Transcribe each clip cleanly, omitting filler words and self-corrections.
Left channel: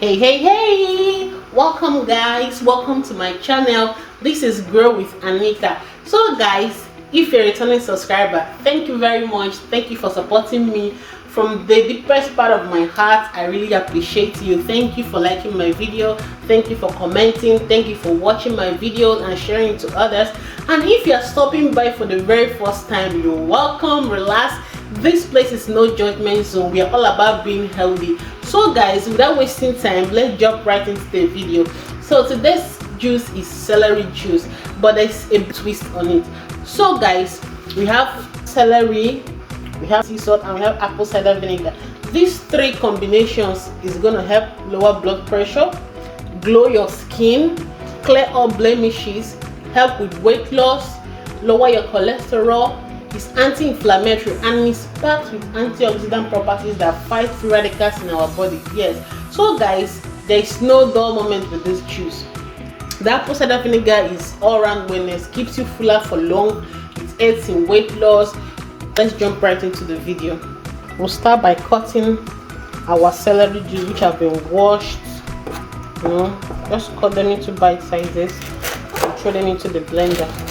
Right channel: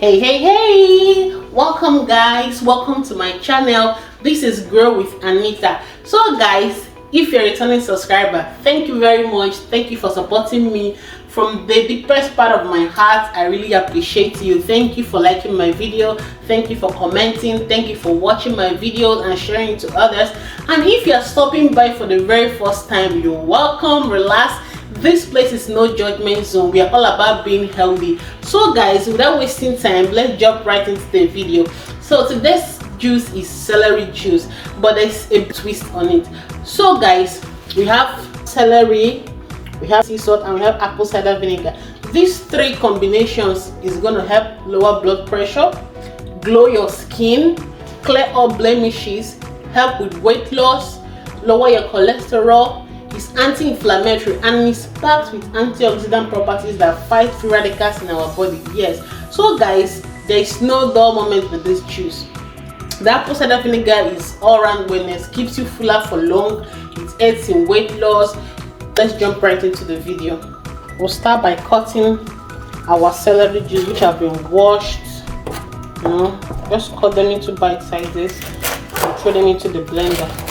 Hey, welcome guys, welcome to my channel. This is Grow with Anita. So guys, if you're a returning subscriber, thank you very much. Thank you for supporting me from the deepest part of my heart. I really appreciate you. Thank you for liking my video, thank you for commenting, thank you for watching my videos and sharing it to others. And if you're stopping by for the very first time, you're welcome. Relax, this place is no judgment zone. We are all about being healthy. So guys, without wasting time, let's jump right into the video. So today's juice is celery juice, but there's a twist on it. So guys, we have celery, we have sea salt, and we have apple cider vinegar. These three combinations is going to help lower blood pressure, glow your skin, clear up blemishes, help with weight loss, lower your cholesterol. It's anti-inflammatory and it's packed with antioxidant properties that fight free radicals in our body. Yes, so guys, there is no dull moment with this juice. The apple cider vinegar is all-round wellness, keeps you fuller for long, it aids in weight loss. Let's jump right into the video. We'll start by cutting our celery juice, which have been washed. Just cut them into bite sizes and throw them into the blender.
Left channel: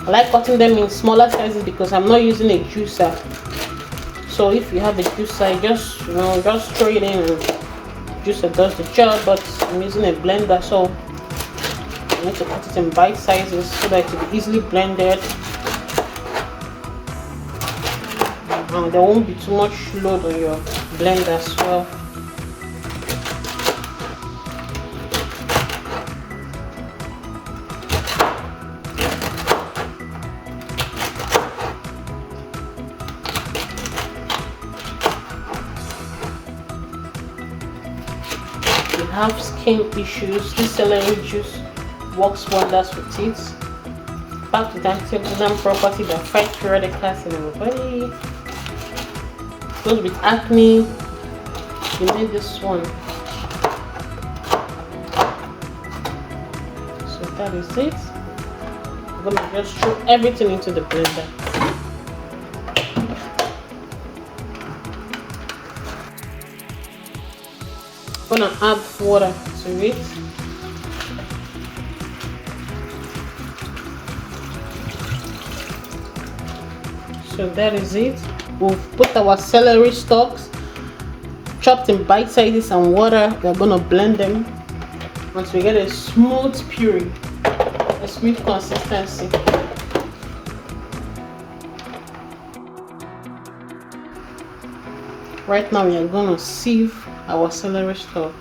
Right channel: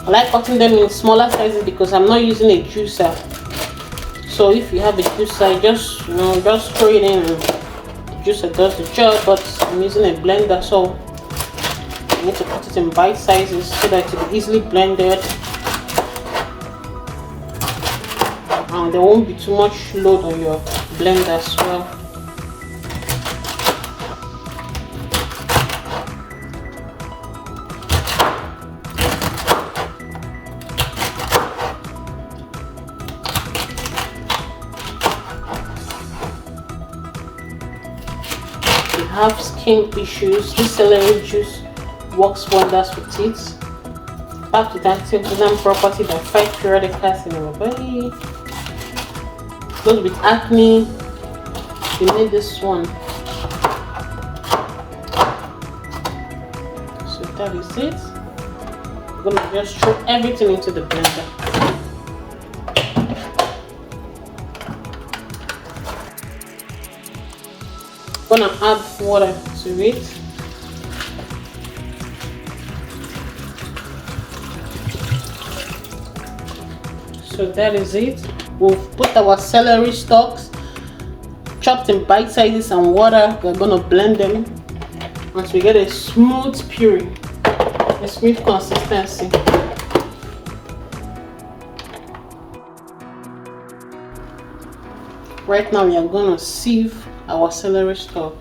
I like cutting them in smaller sizes because I'm not using a juicer. So if you have a juicer, just throw it in and juicer does the job, but I'm using a blender, so I need to cut it in bite sizes so that it will be easily blended and there won't be too much load on your blender as well. Have skin issues, this celery juice works wonders with it. Packed with antioxidant property that fight free radicals in our body. Those with acne, you need this one. So that is it. I'm gonna just throw everything into the blender. Gonna add water to it. So that is it. We've put our celery stalks chopped in bite sizes and water. We're gonna blend them until we get a smooth puree, a smooth consistency. Right now we are gonna sieve our celery stalk.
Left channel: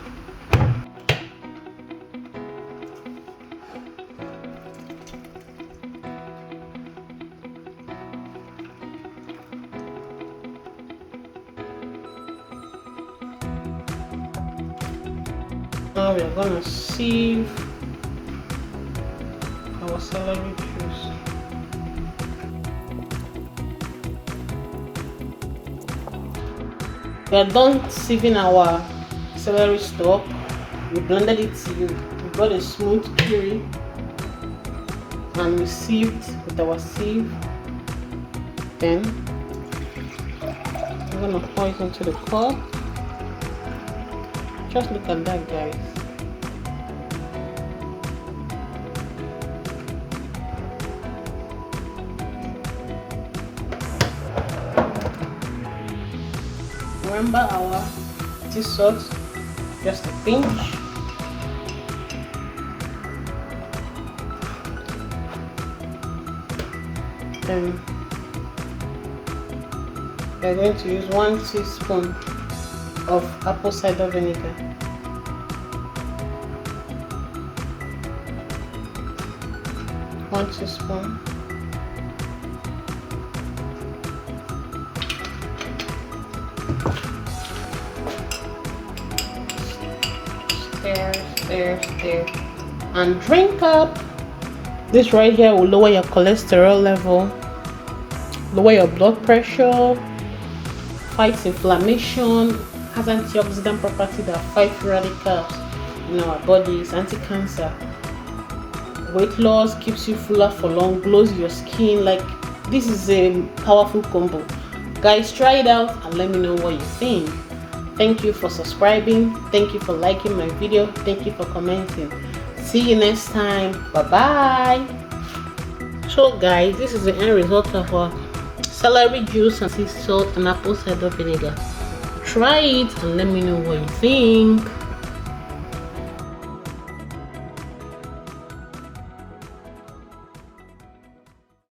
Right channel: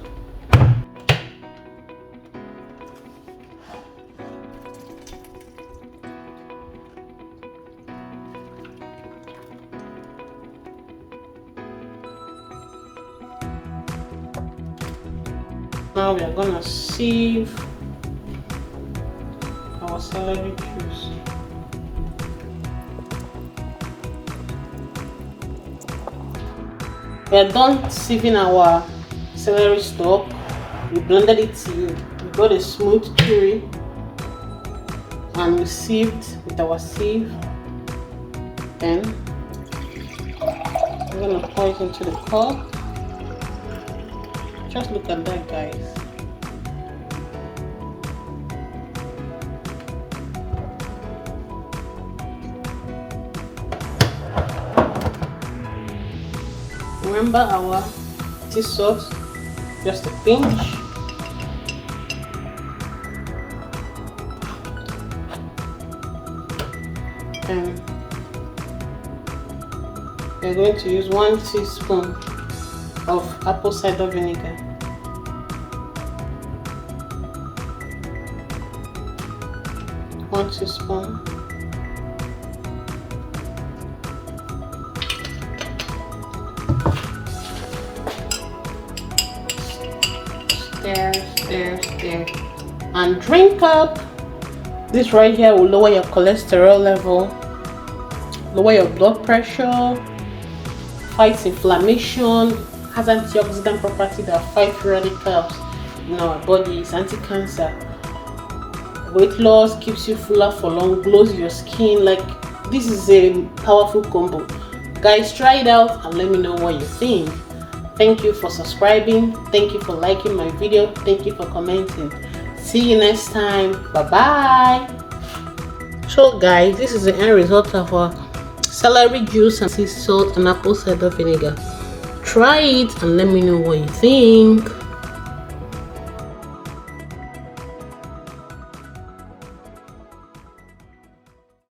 Now we are gonna sieve our celery juice. We are done sieving our celery stalk. We blended it to you. We got a smooth puree and we sieved with our sieve. Then I'm going to pour it into the cup. Just look at that, guys. Remember our sea salt, just a pinch. And we're going to use 1 teaspoon of apple cider vinegar. One teaspoon. Stir, and drink up. This right here will lower your cholesterol level, lower your blood pressure, fights inflammation, has antioxidant property that fight free radicals in our bodies, anti-cancer, weight loss, keeps you fuller for long, glows your skin. Like, this is a powerful combo. Guys, try it out and let me know what you think. Thank you for subscribing. Thank you for liking my video. Thank you for commenting. See you next time. Bye bye. So guys, this is the end result of our celery juice and sea salt and apple cider vinegar. Try it and let me know what you think.